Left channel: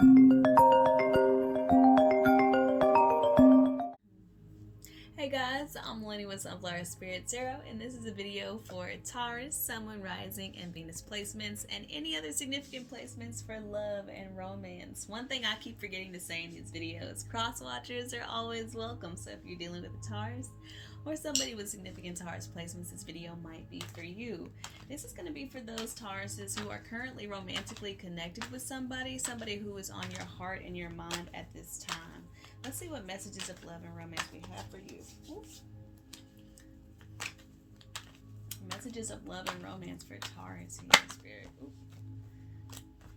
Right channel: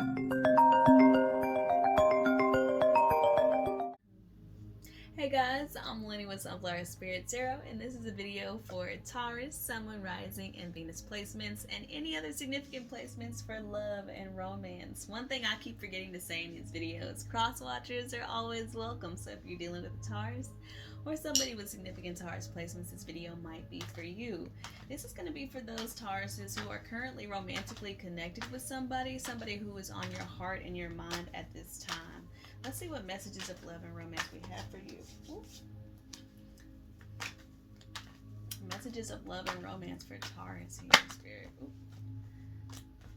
Hey guys, I'm Lynnie with Sunflower Spirit Zero, and this is a video for Taurus, Sun, Moon, Rising, and Venus placements, and any other significant placements for love and romance. One thing I keep forgetting to say in these videos, cross watchers are always welcome, so if you're dealing with a Taurus or somebody with significant Taurus placements, this video might be for you. This is going to be for those Tauruses who are currently romantically connected with somebody who is on your heart and your mind at this time. Let's see what messages of love and romance we have for you. Ooh. Messages of love and romance for Taurus here, Spirit. Ooh.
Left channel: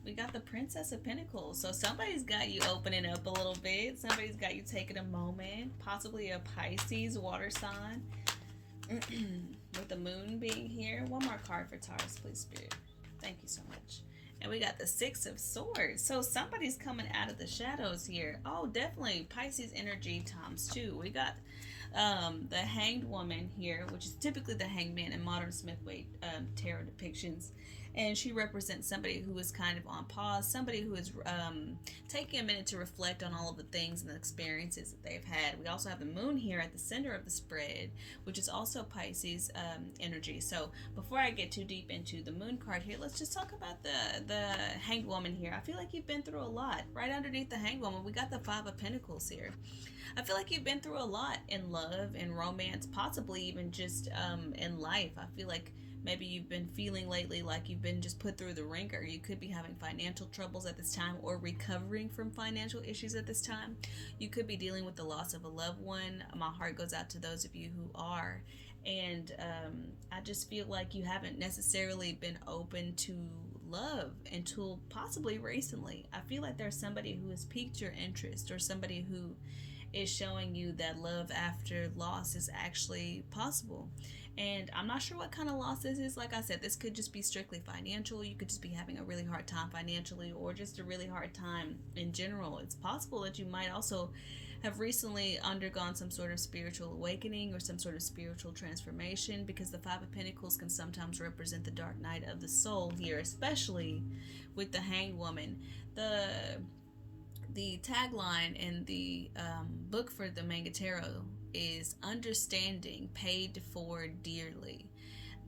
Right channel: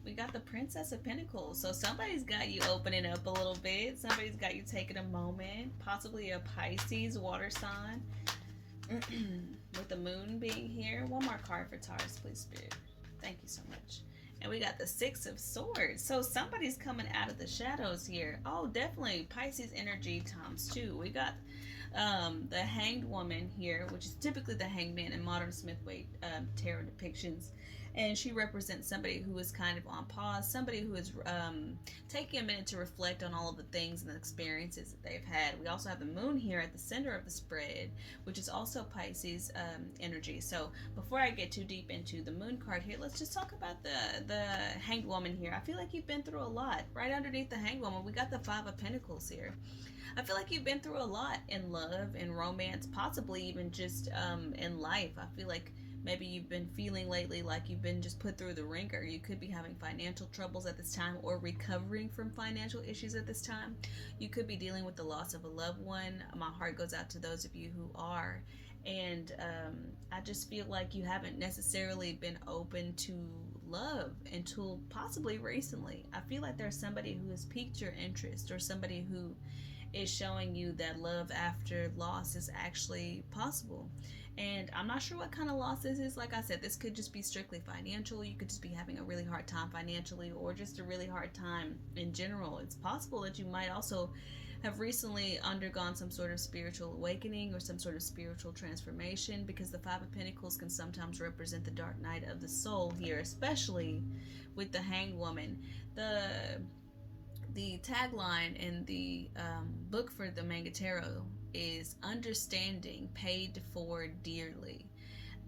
We got the Princess of Pentacles. So somebody's got you opening up a little bit. Somebody's got you taking a moment. Possibly a Pisces water sign. With the moon being here. One more card for Taurus, please, Spirit. Thank you so much. And we got the Six of Swords. So somebody's coming out of the shadows here. Oh, definitely Pisces energy times two. We got the Hanged Woman here, which is typically the Hanged Man in modern Smith-Waite tarot depictions. And she represents somebody who is kind of on pause, somebody who is taking a minute to reflect on all of the things and the experiences that they've had. We also have the moon here at the center of the spread, which is also Pisces energy. So before I get too deep into the moon card here, let's just talk about the Hanged Woman here. I feel like you've been through a lot. Right underneath the Hanged Woman, we got the Five of Pentacles here. I feel like you've been through a lot in love and romance, possibly even just in life. I feel like maybe you've been feeling lately like you've been just put through the ringer. You could be having financial troubles at this time or recovering from financial issues at this time. You could be dealing with the loss of a loved one. My heart goes out to those of you who are. And I just feel like you haven't necessarily been open to love until possibly recently. I feel like there's somebody who has piqued your interest or somebody who is showing you that love after loss is actually possible. And I'm not sure what kind of loss this is. Like I said, this could just be strictly financial. You could just be having a really hard time financially or just a really hard time in general. It's possible that you might also have recently undergone some sort of spiritual awakening or some sort of spiritual transformation, because the Five of Pentacles can sometimes represent the dark night of the soul here, especially with the Hanged Woman. The tagline in the book for the Manga Tarot is understanding paid for dearly.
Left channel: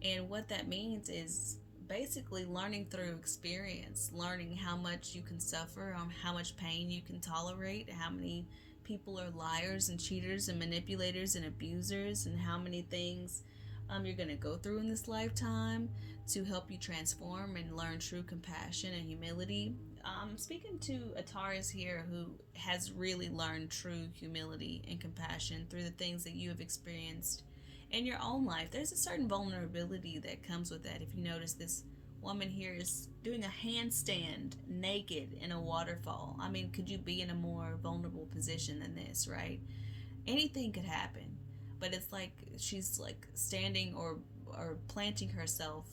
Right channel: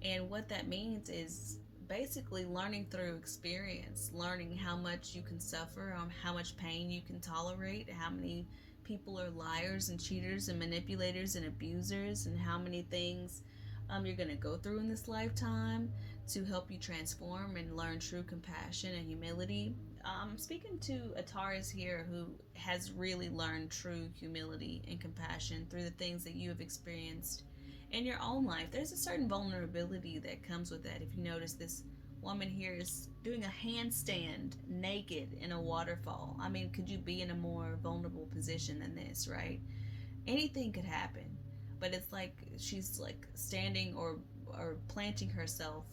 And what that means is basically learning through experience, learning how much you can suffer, how much pain you can tolerate, how many people are liars and cheaters and manipulators and abusers, and how many things you're going to go through in this lifetime to help you transform and learn true compassion and humility. I'm speaking to a Taurus here who has really learned true humility and compassion through the things that you have experienced in your own life. There's a certain vulnerability that comes with that. If you notice, this woman here is doing a handstand naked in a waterfall. I mean, could you be in a more vulnerable position than this, right? Anything could happen. But it's like she's like standing or planting herself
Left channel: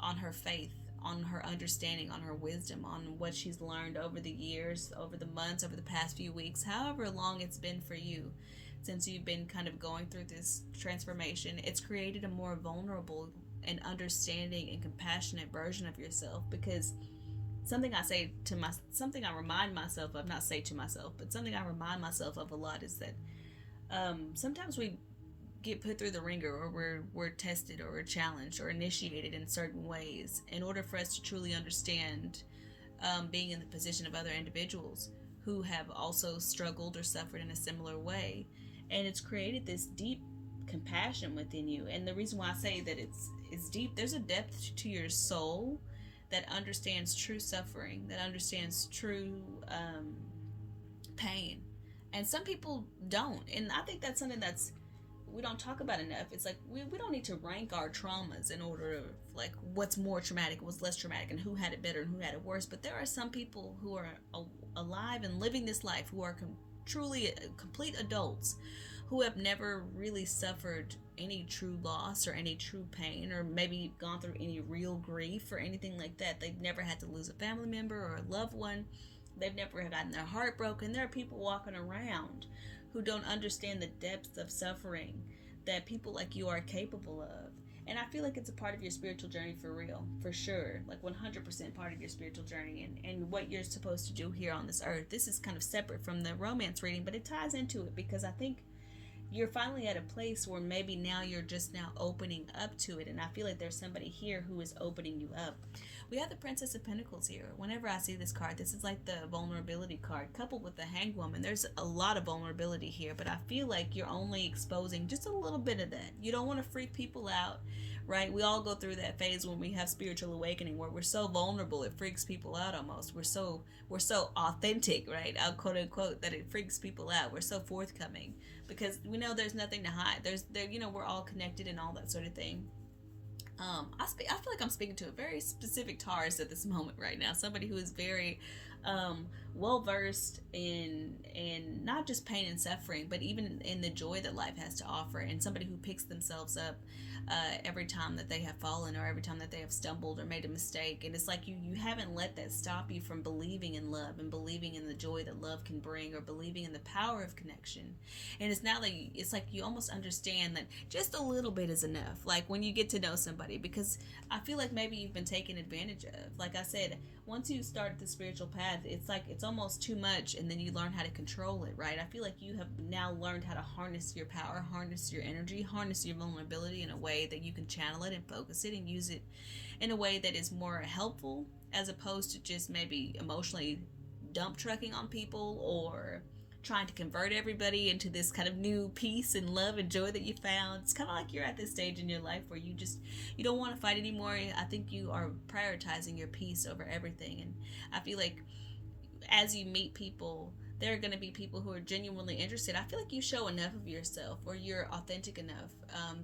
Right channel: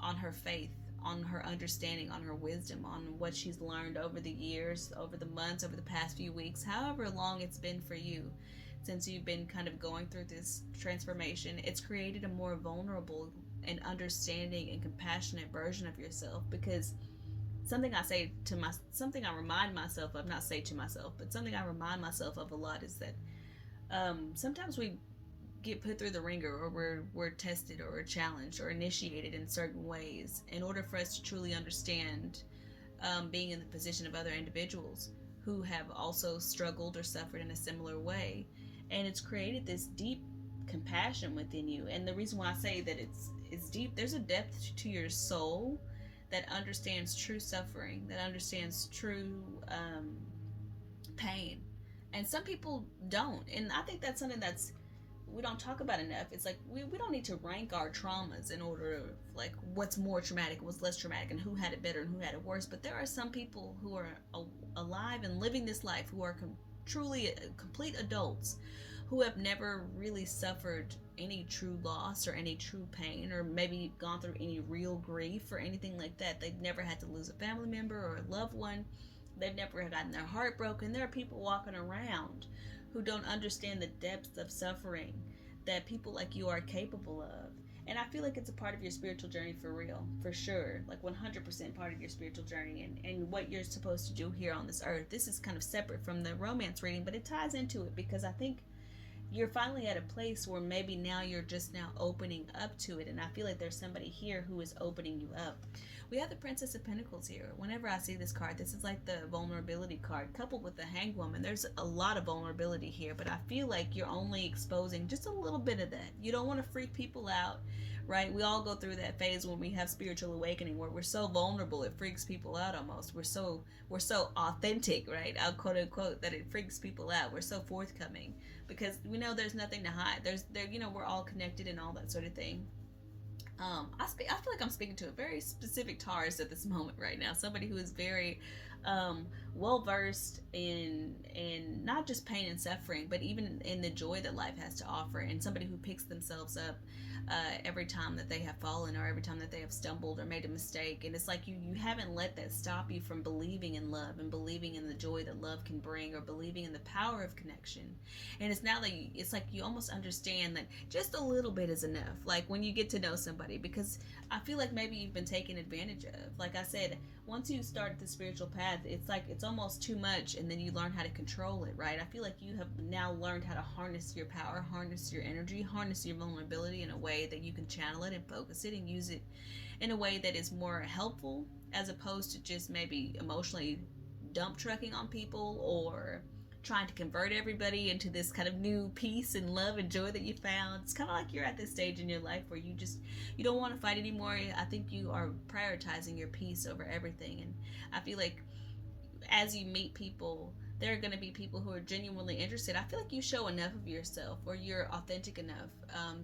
on her faith, on her understanding, on her wisdom, on what she's learned over the years, over the months, over the past few weeks, however long it's been for you since you've been kind of going through this transformation. It's created a more vulnerable and understanding and compassionate version of yourself, because something I remind myself of, not say to myself, but something I remind myself of a lot is that sometimes we get put through the ringer, or we're tested, or we're challenged, or initiated in certain ways in order for us to truly understand being in the position of other individuals who have also struggled or suffered in a similar way. And it's created this deep compassion within you. And the reason why I say that it's deep, there's a depth to your soul that understands true suffering, that understands true pain. And some people don't. And I think that's something that's we don't talk about enough. It's like we don't need to rank our traumas in order, like what's more traumatic, what's less traumatic, and who had it better and who had it worse. But there are some people who are alive and living this life who are truly complete adults who have never really suffered any true loss or any true pain, or maybe gone through any real grief or anything like that. They've never had to lose a family member or a loved one. They've never gotten their heart broken. There are people walking around who don't understand the depths of suffering that people like you are capable of. And I feel like it's a part of your spiritual journey for real, for sure. Like 100% part of your spiritual journey and what you're supposed to do here on this earth. This is kind of separate from the romance reading, but it ties into it because I think you're finally at a place where maybe now you're just now opening up to it. And I feel like there's somebody here who is opening you up. We have the Princess of Pentacles here. Whenever I see this card, this is like the vulnerability card coupled with the Hanged Woman. There's a lot of vulnerability here, but I feel like you're only exposing just a little bit of that. You don't want to freak people out, right? We all go through that phase when we have spiritual awakening where we're so vulnerable it freaks people out almost. We're so authentic, right? I'll quote unquote that it freaks people out. We're so forthcoming because we know there's nothing to hide. We're all connected and all that sort of thing. I feel like I'm speaking to a very specific Taurus at this moment right now. Somebody who is very well versed in not just pain and suffering, but even in the joy that life has to offer, and somebody who picks themselves up every time that they have fallen or every time that they have stumbled or made a mistake. And it's like you haven't let that stop you from believing in love and believing in the joy that love can bring, or believing in the power of connection. And it's now that it's like you almost understand that just a little bit is enough, like when you get to know somebody, because I feel like maybe you've been taken advantage of. Like I said, once you start the spiritual path, it's like it's almost too much, and then you learn how to control it, right? I feel like you have now learned how to harness your power, harness your energy, harness your vulnerability in a way that you can channel it and focus it and use it in a way that is more helpful, as opposed to just maybe emotionally dump trucking on people or trying to convert everybody into this kind of new peace and love and joy that you found. It's kind of like you're at this stage in your life where you don't want to fight anymore. I think you are prioritizing your peace over everything. And I feel like as you meet people, there are going to be people who are genuinely interested. I feel like you show enough of yourself, or you're authentic enough,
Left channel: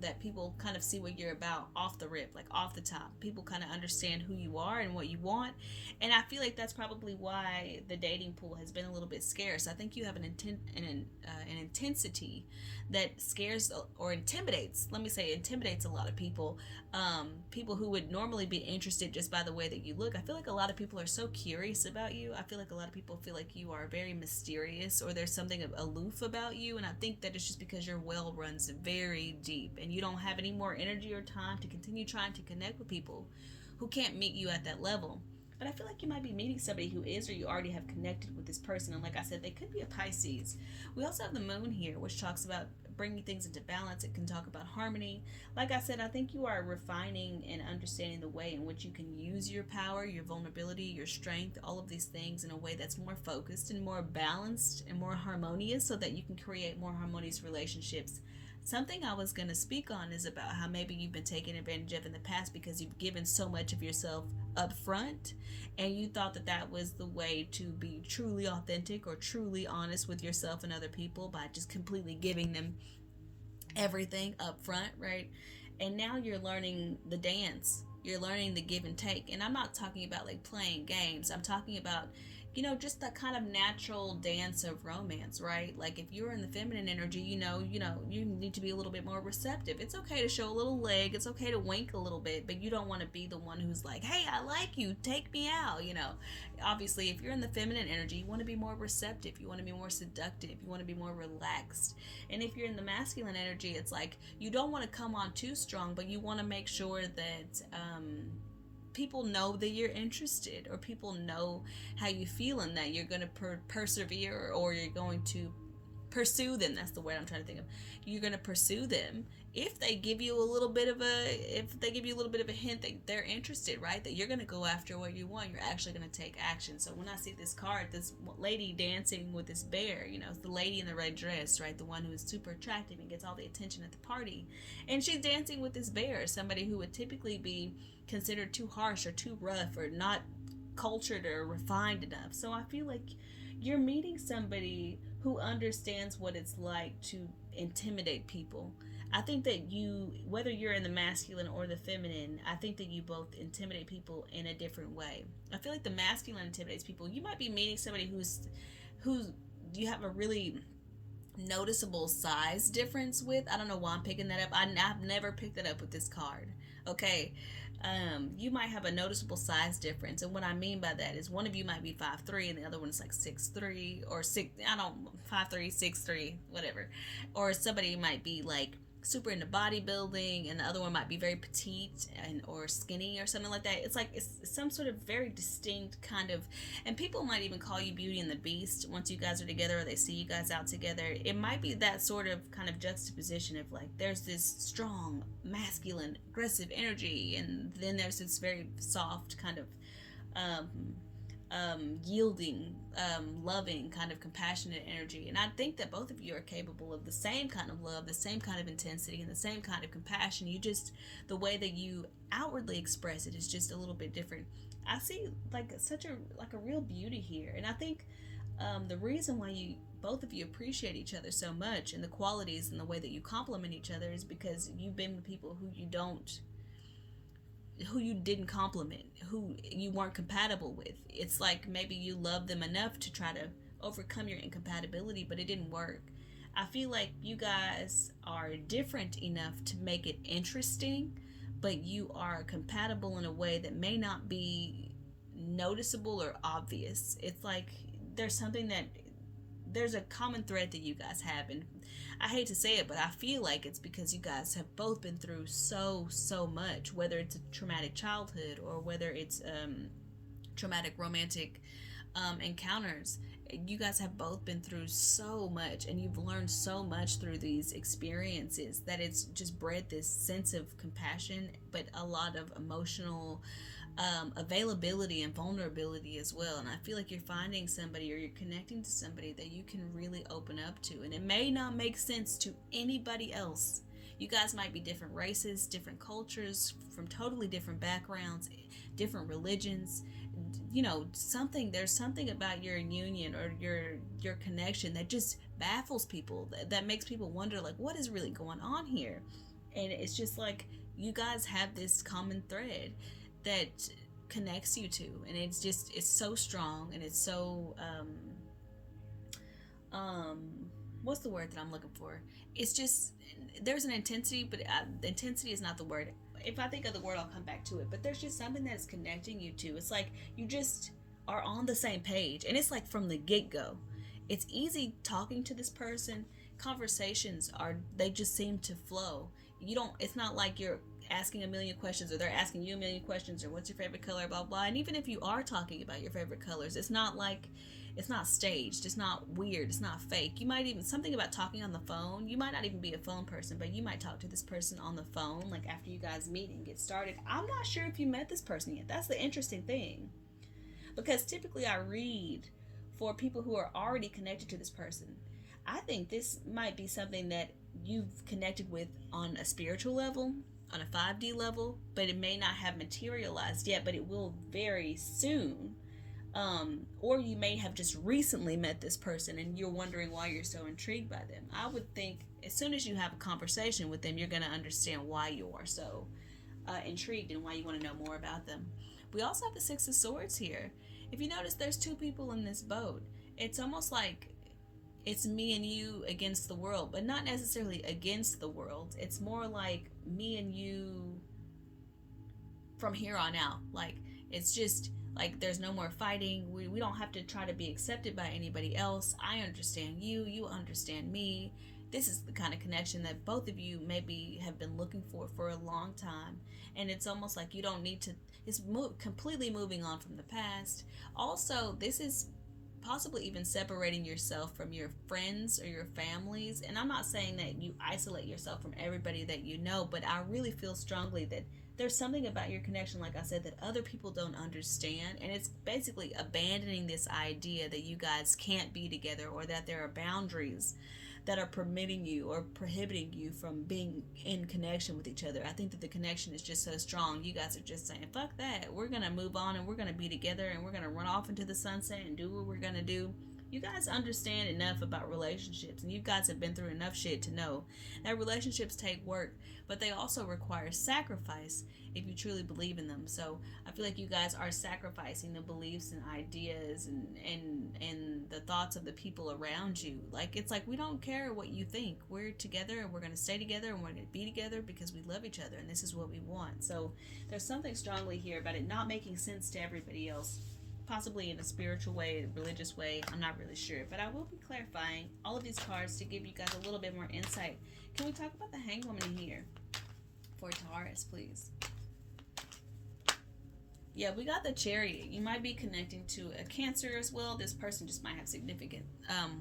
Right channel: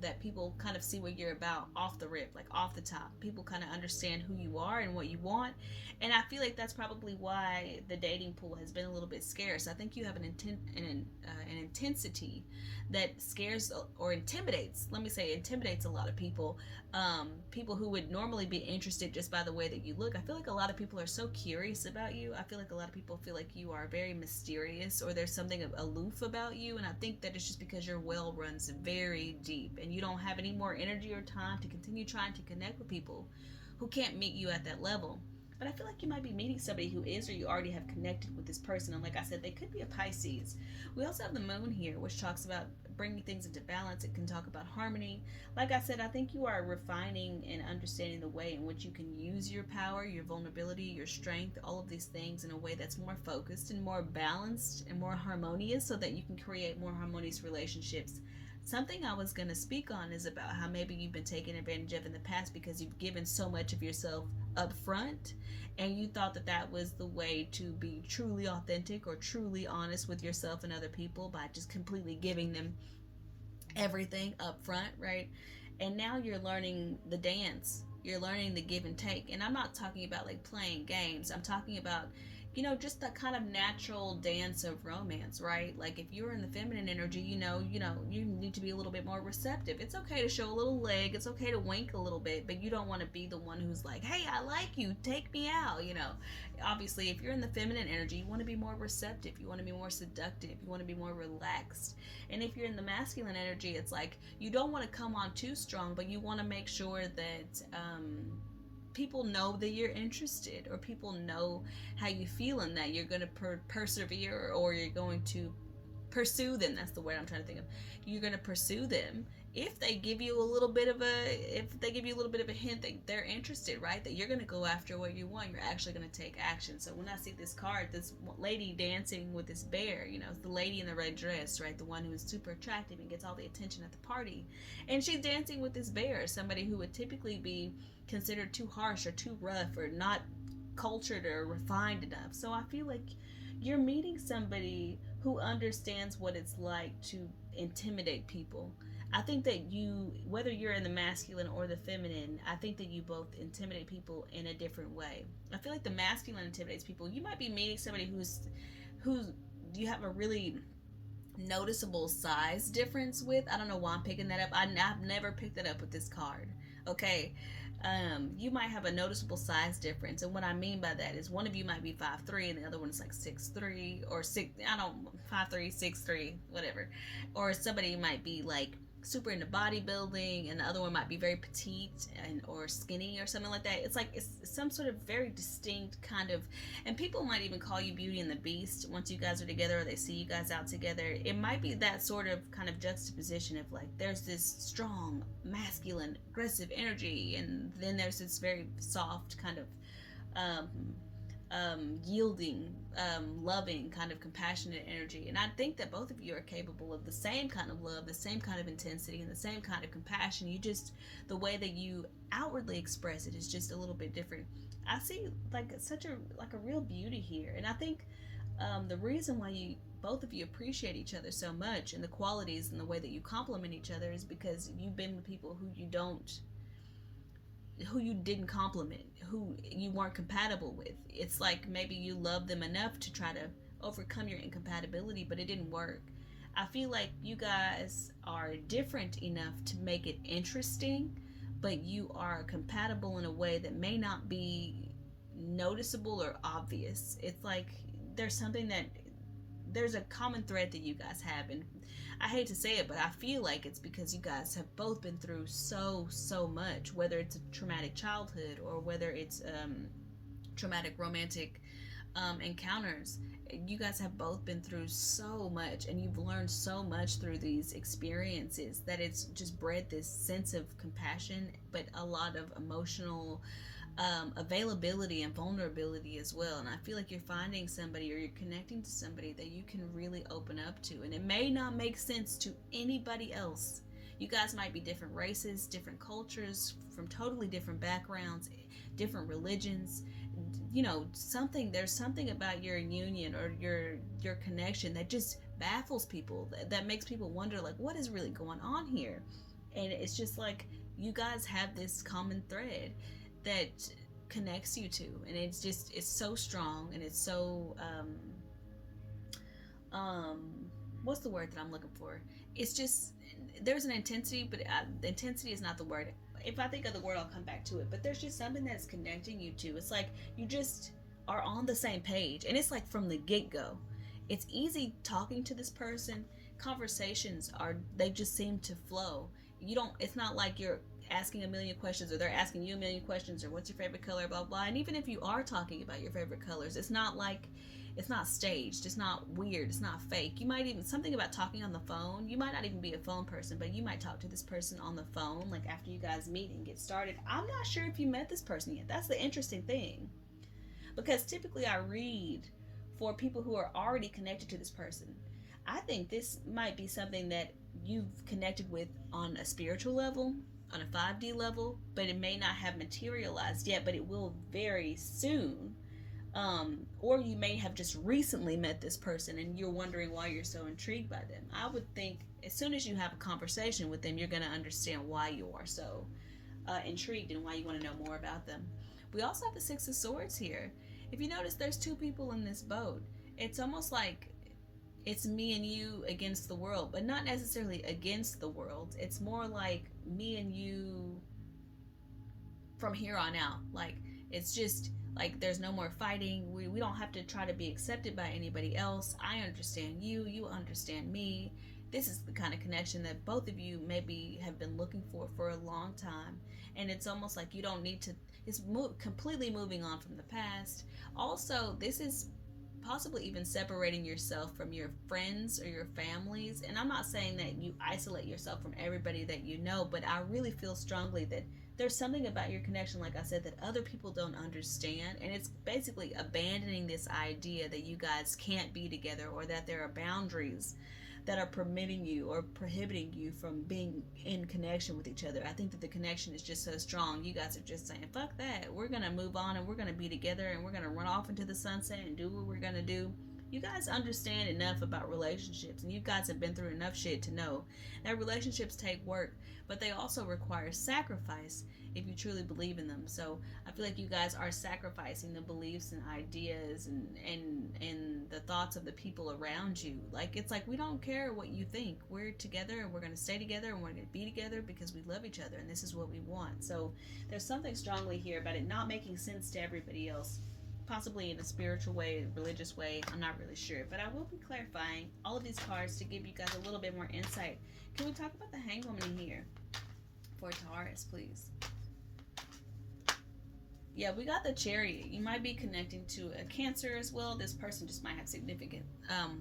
that people kind of see what you're about off the rip, like off the top. People kind of understand who you are and what you want. And I feel like that's probably why the dating pool has been a little bit scarce. I think you have an intensity that scares or intimidates. Let me say intimidates a lot of people. People who would normally be interested just by the way that you look. I feel like a lot of people are so curious about you. I feel like a lot of people feel like you are very mysterious, or there's something aloof about you. And I think that it's just because your well runs very deep and you don't have any more energy or time to continue trying to connect with people who can't meet you at that level. But I feel like you might be meeting somebody who is, or you already have connected with this person. And like I said, they could be a Pisces. We also have the moon here, which talks about bringing things into balance. It can talk about harmony. Like I said, I think you are refining and understanding the way in which you can use your power, your vulnerability, your strength, all of these things in a way that's more focused and more balanced and more harmonious, so that you can create more harmonious relationships. Something I was going to speak on is about how maybe you've been taken advantage of in the past because you've given so much of yourself up front, and you thought that that was the way to be truly authentic or truly honest with yourself and other people, by just completely giving them everything up front, right? And now you're learning the dance. You're learning the give and take. And I'm not talking about like playing games. I'm talking about just the kind of natural dance of romance, right? Like if you're in the feminine energy, you need to be a little bit more receptive. It's okay to show a little leg. It's okay to wink a little bit, but you don't want to be the one who's like, hey, I like you, take me out, Obviously, if you're in the feminine energy, you want to be more receptive. You want to be more seductive. You want to be more relaxed. And if you're in the masculine energy, it's like you don't want to come on too strong, but you want to make sure that people know that you're interested, or people know how you feel, and that you're going to persevere, or you're going to pursue them. That's the word I'm trying to think of. You're going to pursue them if they give you a little bit of a hint that they're interested, right? That you're going to go after what you want. You're actually going to take action. So when I see this card, this lady dancing with this bear, it's the lady in the red dress, right? The one who is super attractive and gets all the attention at the party. And she's dancing with this bear, somebody who would typically be considered too harsh or too rough or not cultured or refined enough. So I feel like you're meeting somebody who understands what it's like to intimidate people. I think that whether you're in the masculine or the feminine, I think that you both intimidate people in a different way. I feel like the masculine intimidates people. You might be meeting somebody who's you have a really noticeable size difference with. I don't know why I'm picking that up. I've never picked that up with this card. Okay. You might have a noticeable size difference, and what I mean by that is one of you might be 5'3" and the other one's like 6'3" or 5'3", 6'3", whatever. Or somebody might be like super into bodybuilding, and the other one might be very petite and or skinny or something like that. It's like it's some sort of very distinct kind of, and people might even call you Beauty and the Beast once you guys are together or they see you guys out together. It might be that sort of kind of juxtaposition of like there's this strong, masculine, aggressive energy, and then there's this very soft kind of um, yielding, loving, kind of compassionate energy. And I think that both of you are capable of the same kind of love, the same kind of intensity, and the same kind of compassion. You just, the way that you outwardly express it is just a little bit different. I see like such a real beauty here, and I think the reason why you both of you appreciate each other so much and the qualities and the way that you complement each other is because you've been with people who you didn't compliment, who you weren't compatible with. It's like maybe you love them enough to try to overcome your incompatibility, but it didn't work. I feel like you guys are different enough to make it interesting, but you are compatible in a way that may not be noticeable or obvious. It's like there's something that there's a common thread that you guys have, and I hate to say it, but I feel like it's because you guys have both been through so much, whether it's a traumatic childhood or whether it's traumatic romantic encounters. You guys have both been through so much, and you've learned so much through these experiences that it's just bred this sense of compassion, but a lot of emotional availability and vulnerability as well. And I feel like you're finding somebody or you're connecting to somebody that you can really open up to, and it may not make sense to anybody else. You guys might be different races, different cultures, from totally different backgrounds, different religions. You know, there's something about your union or your connection that just baffles people, that makes people wonder like what is really going on here. And it's just like you guys have this common thread that connects you two, and it's so strong, and it's so what's the word that I'm looking for? It's just there's an intensity, but intensity is not the word. If I think of the word, I'll come back to it. But there's just something that's connecting you two. It's like you just are on the same page, and it's like from the get-go. It's easy talking to this person. Conversations they just seem to flow. It's not like you're asking a million questions or they're asking you a million questions or what's your favorite color, blah blah. And even if you are talking about your favorite colors, it's not staged, it's not weird, it's not fake. You might even, something about talking on the phone, you might not even be a phone person, but you might talk to this person on the phone like after you guys meet and get started. I'm not sure if you met this person yet. That's the interesting thing, because typically I read for people who are already connected to this person. I think this might be something that you've connected with on a spiritual level, on a 5D level, but it may not have materialized yet, but it will very soon. Or you may have just recently met this person and you're wondering why you're so intrigued by them. I would think as soon as you have a conversation with them, you're going to understand why you are so intrigued and why you want to know more about them. We also have the Six of Swords here. If you notice, there's two people in this boat. It's almost like it's me and you against the world, but not necessarily against the world. It's more like me and you from here on out. Like, it's just like there's no more fighting. We don't have to try to be accepted by anybody else. I understand you, you understand me. This is the kind of connection that both of you maybe have been looking for a long time. And it's almost like you don't need to, it's completely moving on from the past. Also, this is possibly even separating yourself from your friends or your families. And I'm not saying that you isolate yourself from everybody that you know, but I really feel strongly that there's something about your connection, like I said, that other people don't understand. And it's basically abandoning this idea that you guys can't be together, or that there are boundaries that are permitting you or prohibiting you from being in connection with each other. I think that the connection is just so strong. You guys are just saying, fuck that. We're going to move on and we're going to be together and we're going to run off into the sunset and do what we're going to do. You guys understand enough about relationships, and you guys have been through enough shit to know that relationships take work, but they also require sacrifice if you truly believe in them. So I feel like you guys are sacrificing the beliefs and ideas and the thoughts of the people around you. Like, it's like, we don't care what you think. We're together and we're going to stay together and we're going to be together because we love each other and this is what we want. So there's something strongly here about it not making sense to everybody else. possibly in a spiritual way, religious way. I'm not really sure, but I will be clarifying all of these cards to give you guys a little bit more insight. Can we talk about the Hanged Woman in here for Taurus, please? Yeah, we got the Chariot. You might be connecting to a Cancer as well. This person just might have significant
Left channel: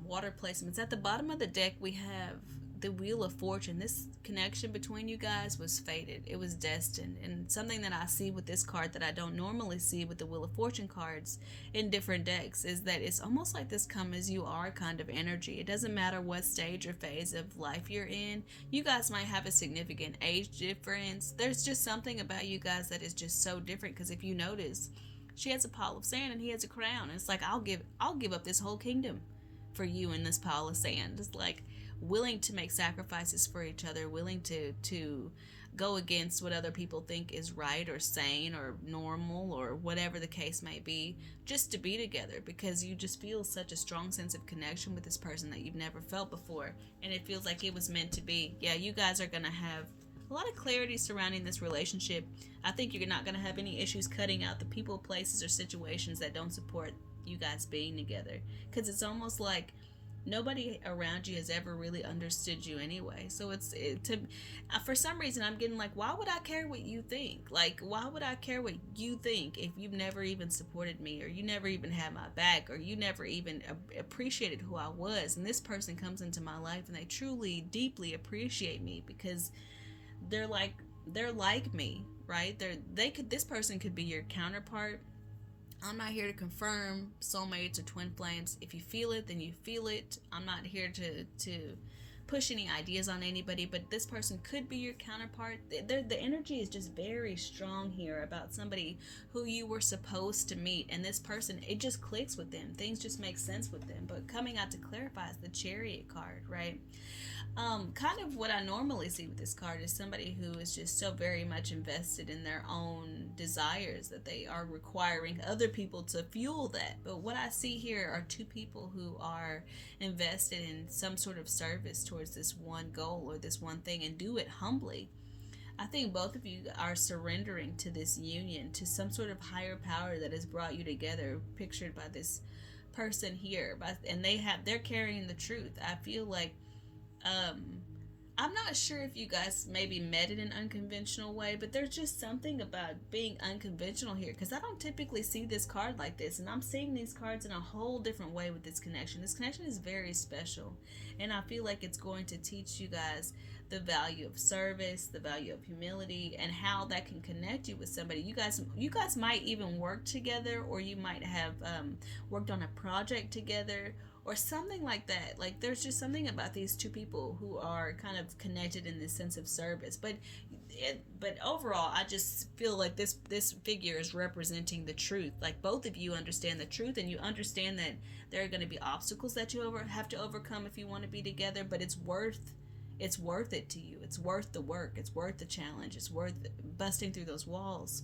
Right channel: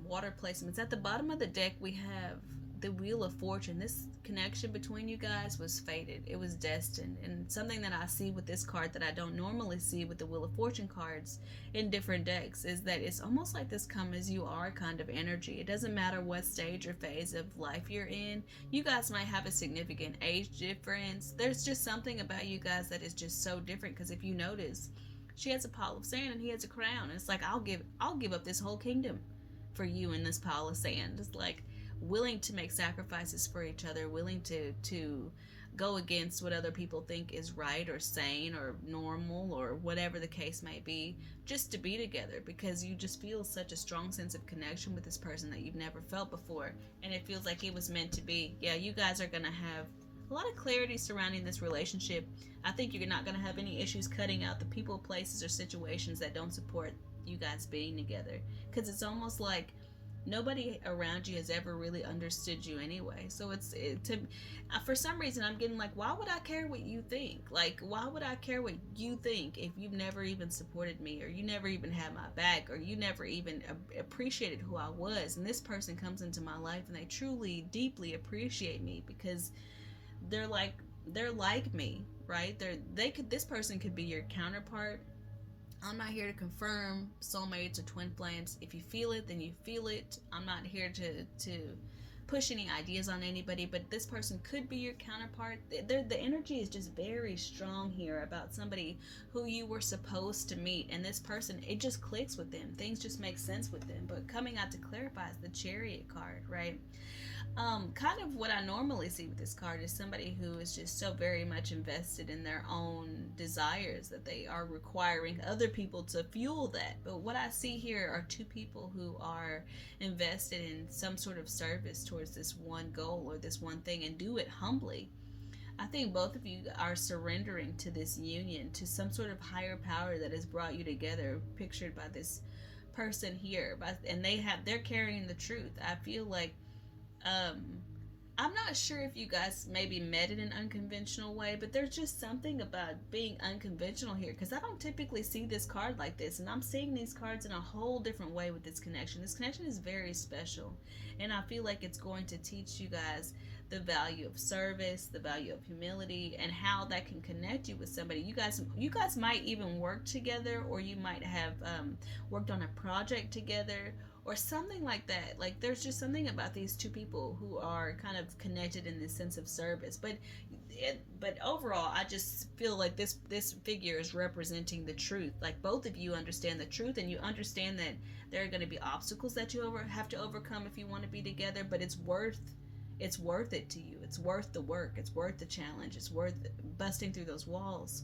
water placements. At the bottom of the deck, we have the Wheel of Fortune. This connection between you guys was fated. It was destined. And something that I see with this card that I don't normally see with the Wheel of Fortune cards in different decks is that it's almost like this come as you are kind of energy. It doesn't matter what stage or phase of life you're in. You guys might have a significant age difference. There's just something about you guys that is just so different, because if you notice, she has a pile of sand and he has a crown. It's like, I'll give up this whole kingdom for you in this pile of sand. It's like willing to make sacrifices for each other, willing to go against what other people think is right or sane or normal or whatever the case may be, just to be together, because you just feel such a strong sense of connection with this person that you've never felt before, and it feels like it was meant to be. Yeah, you guys are gonna have a lot of clarity surrounding this relationship. I think you're not gonna have any issues cutting out the people, places, or situations that don't support you guys being together, because it's almost like nobody around you has ever really understood you anyway. So for some reason I'm getting like, why would I care what you think? Like, why would I care what you think if you've never even supported me, or you never even had my back, or you never even appreciated who I was? And this person comes into my life and they truly deeply appreciate me, because they're like me, right? This person could be your counterpart. I'm not here to confirm soulmates or twin flames. If you feel it, then you feel it. I'm not here to push any ideas on anybody, but this person could be your counterpart. The energy is just very strong here about somebody who you were supposed to meet, and this person, it just clicks with them. Things just make sense with them. But coming out to clarify is the Chariot card, right? Kind of what I normally see with this card is somebody who is just so very much invested in their own desires that they are requiring other people to fuel that. But what I see here are two people who are invested in some sort of service towards this one goal or this one thing, and do it humbly. I think both of you are surrendering to this union, to some sort of higher power that has brought you together, pictured by this person here. And they're carrying the truth. I feel like I'm not sure if you guys maybe met in an unconventional way, but there's just something about being unconventional here, because I don't typically see this card like this, and I'm seeing these cards in a whole different way with this connection. This connection is very special, and I feel like it's going to teach you guys the value of service, the value of humility, and how that can connect you with somebody. You guys might even work together, or you might have worked on a project together, or something like that. Like, there's just something about these two people who are kind of connected in this sense of service. But overall, I just feel like this figure is representing the truth. Like, both of you understand the truth, and you understand that there are going to be obstacles that you have to overcome if you want to be together. But it's worth it to you. It's worth the work. It's worth the challenge. It's worth busting through those walls,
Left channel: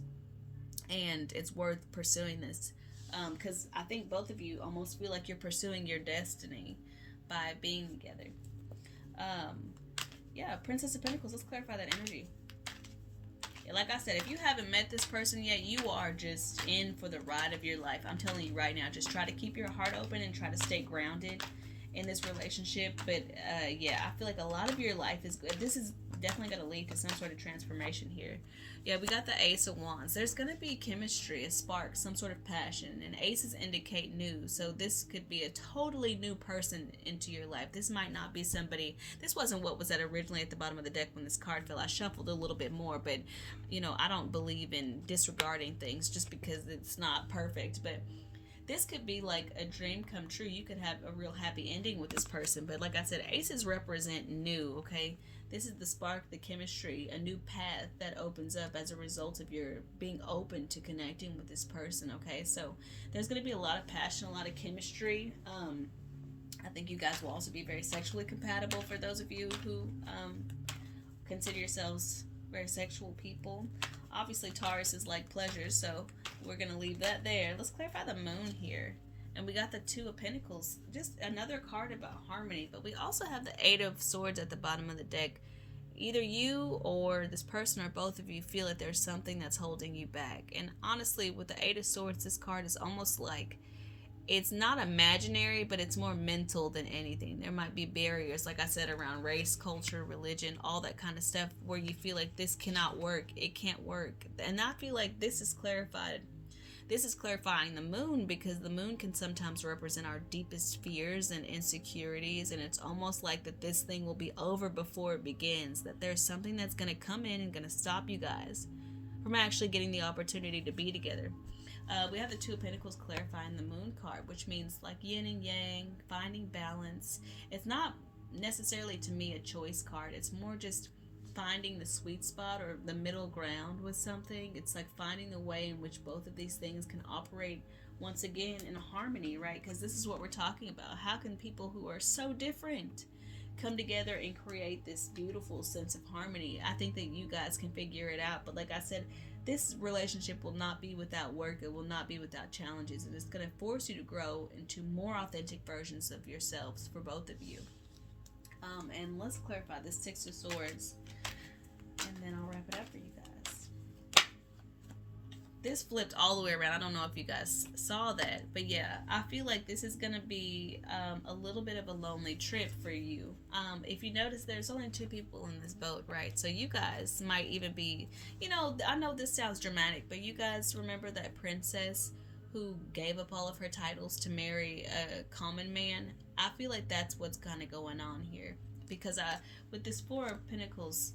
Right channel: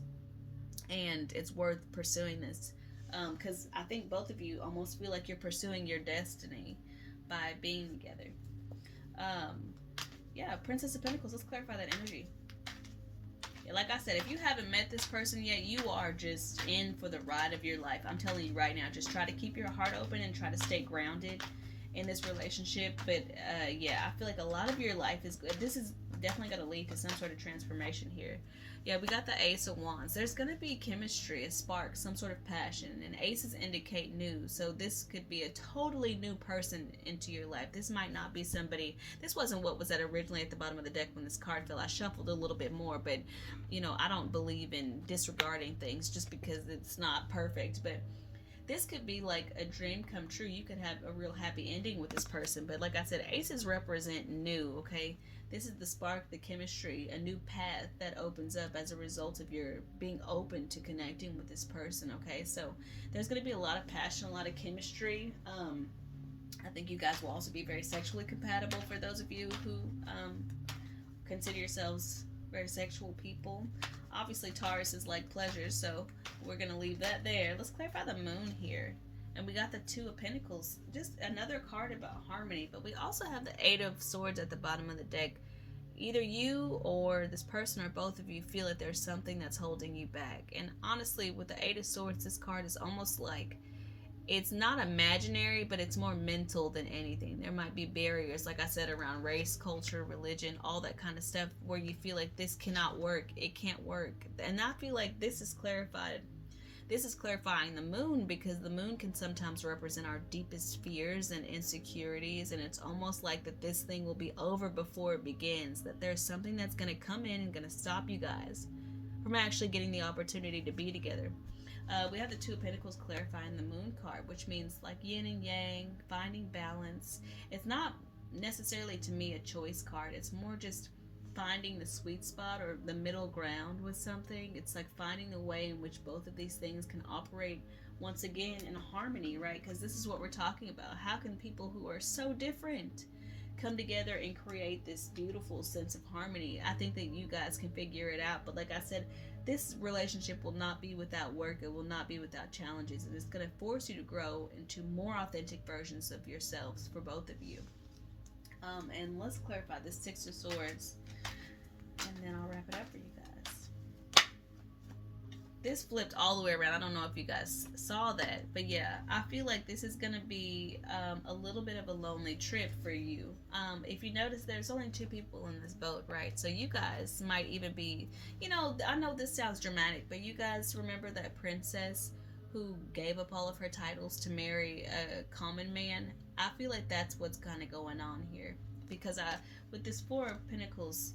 and it's worth pursuing this. Because I think both of you almost feel like you're pursuing your destiny by being together. Yeah, Princess of Pentacles. Let's clarify that energy. Yeah, like I said, if you haven't met this person yet, you are just in for the ride of your life. I'm telling you right now, just try to keep your heart open and try to stay grounded in this relationship. But yeah, I feel like a lot of your life is good. This is definitely going to lead to some sort of transformation here. Yeah, we got the Ace of Wands. There's going to be chemistry, a spark, some sort of passion, and aces indicate new. So this could be a totally new person into your life. This might not be somebody, this wasn't what was originally at the bottom of the deck when this card fell. I shuffled a little bit more, but I don't believe in disregarding things just because it's not perfect. But this could be like a dream come true. You could have a real happy ending with this person. But like I said, aces represent new, okay? This is the spark, the chemistry, a new path that opens up as a result of your being open to connecting with this person, okay? So there's going to be a lot of passion, a lot of chemistry. I think you guys will also be very sexually compatible for those of you who consider yourselves very sexual people. Obviously, Taurus is like pleasure, so we're going to leave that there. Let's clarify the moon here. And we got the Two of Pentacles, just another card about harmony. But we also have the Eight of Swords at the bottom of the deck. either you or this person or both of you feel that there's something that's holding you back. And honestly, with the Eight of Swords, this card is almost like it's not imaginary, but it's more mental than anything. There might be barriers, like I said, around race, culture, religion, all that kind of stuff, where you feel like this cannot work, it can't work. And I feel like this is clarified. This is clarifying the moon, because the moon can sometimes represent our deepest fears and insecurities, and it's almost like that this thing will be over before it begins, that there's something that's going to come in and going to stop you guys from actually getting the opportunity to be together. We have the Two of Pentacles clarifying the moon card, which means like yin and yang, finding balance. It's not necessarily, to me, a choice card. It's more just finding the sweet spot or the middle ground with something. It's like finding the way in which both of these things can operate once again in harmony, right? Because this is what we're talking about. How can people who are so different come together and create this beautiful sense of harmony? I think that you guys can figure it out. But like I said, this relationship will not be without work. It will not be without challenges. And it's going to force you to grow into more authentic versions of yourselves for both of you. And let's clarify this Six of Swords, and then I'll wrap it up for you guys. This flipped all the way around. I don't know if you guys saw that, but yeah, I feel like this is going to be a little bit of a lonely trip for you. If you notice, there's only two people in this boat, right? So you guys might even be, I know this sounds dramatic, but you guys remember that princess who gave up all of her titles to marry a common man? I feel like that's what's kind of going on here, because with this Four of Pentacles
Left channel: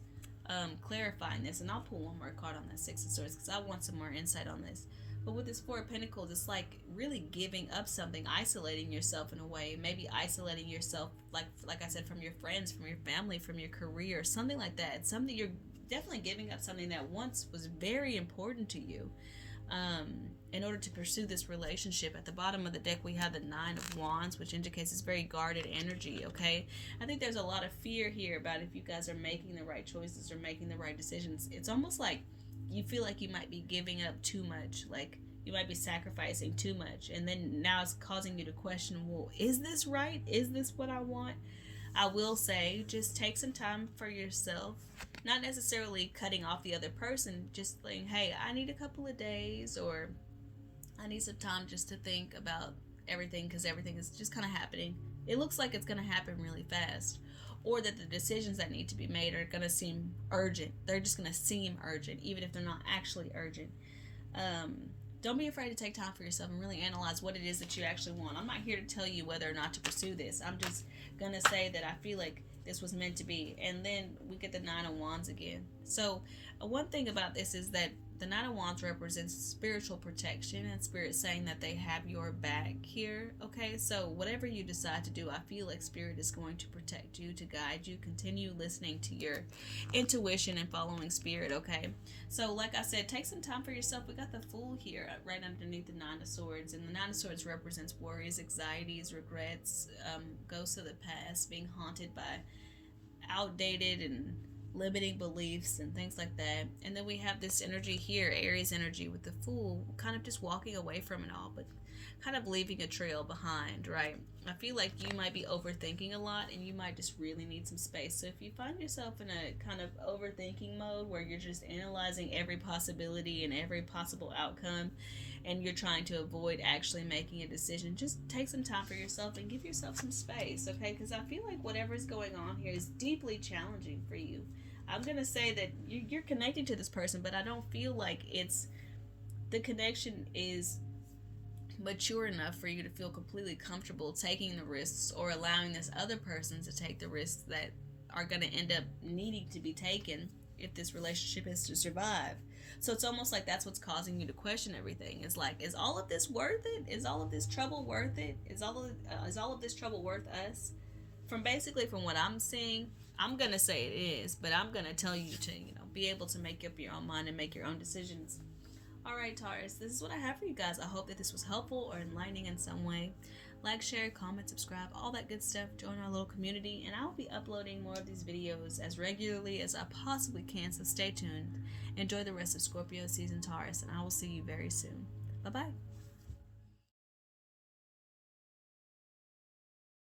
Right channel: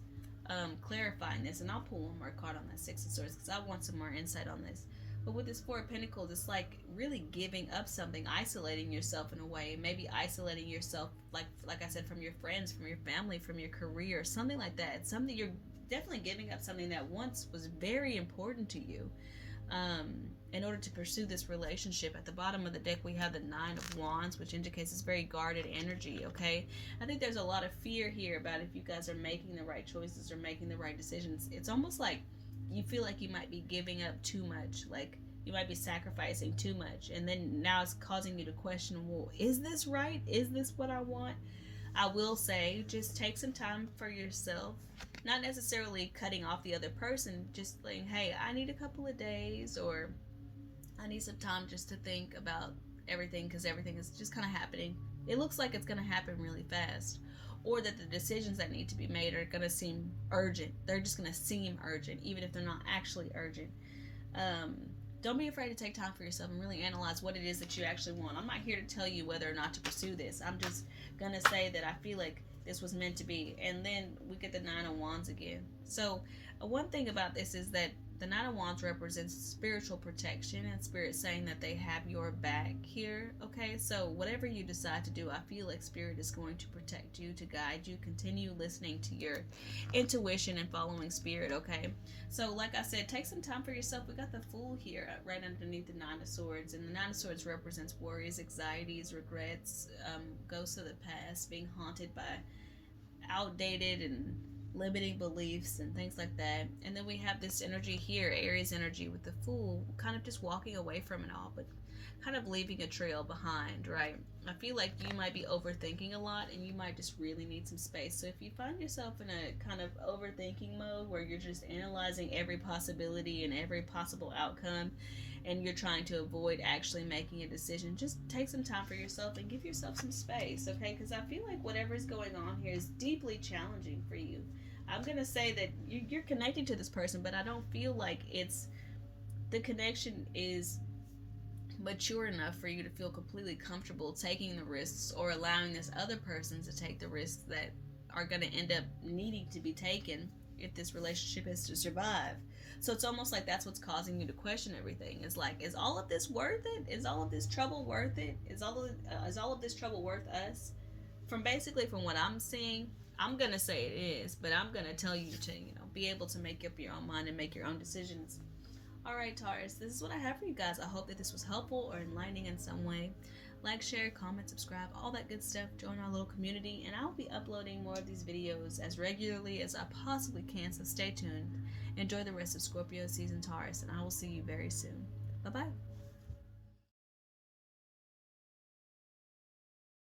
clarifying this, and I'll pull one more card on that Six of Swords because I want some more insight on this. But with this Four of Pentacles, it's like really giving up something, isolating yourself in a way, maybe isolating yourself, like I said, from your friends, from your family, from your career, something like that. It's something you're definitely giving up, something that once was very important to you, in order to pursue this relationship. At the bottom of the deck, we have the Nine of Wands, which indicates it's very guarded energy, okay? I think there's a lot of fear here about if you guys are making the right choices or making the right decisions. It's almost like you feel like you might be giving up too much, like you might be sacrificing too much, and then now it's causing you to question, well, is this right? Is this what I want? I will say, just take some time for yourself. Not necessarily cutting off the other person, just saying, hey, I need a couple of days, or I need some time just to think about everything, because everything is just kind of happening. It looks like it's going to happen really fast, or that the decisions that need to be made are going to seem urgent. They're just going to seem urgent, even if they're not actually urgent. Don't be afraid to take time for yourself and really analyze what it is that you actually want. I'm not here to tell you whether or not to pursue this. I'm just going to say that I feel like this was meant to be. And then we get the Nine of Wands again. So one thing about this is that the Nine of Wands represents spiritual protection, and Spirit saying that they have your back here, okay? So whatever you decide to do, I feel like Spirit is going to protect you, to guide you. Continue listening to your intuition and following Spirit, okay? So like I said, take some time for yourself. We got the Fool here right underneath the Nine of Swords, and the Nine of Swords represents worries, anxieties, regrets, ghosts of the past, being haunted by outdated and limiting beliefs and things like that. And then we have this energy here, Aries energy, with the Fool, kind of just walking away from it all, but kind of leaving a trail behind, right? I feel like you might be overthinking a lot, and you might just really need some space. So if you find yourself in a kind of overthinking mode where you're just analyzing every possibility and every possible outcome, and you're trying to avoid actually making a decision, just take some time for yourself and give yourself some space, okay? Because I feel like whatever's going on here is deeply challenging for you. I'm going to say that you're connected to this person, but I don't feel like the connection is mature enough for you to feel completely comfortable taking the risks, or allowing this other person to take the risks that are going to end up needing to be taken if this relationship is to survive. So it's almost like that's what's causing you to question everything. It's like, is all of this worth it? Is all of this trouble worth it? Is all of this trouble worth us? From what I'm seeing, I'm going to say it is, but I'm going to tell you to, be able to make up your own mind and make your own decisions. All right, Taurus, this is what I have for you guys. I hope that this was helpful or enlightening in some way. Like, share, comment, subscribe, all that good stuff. Join our little community, and I'll be uploading more of these videos as regularly as I possibly can, so stay tuned. Enjoy the rest of Scorpio season, Taurus, and I will see you very soon. Bye-bye.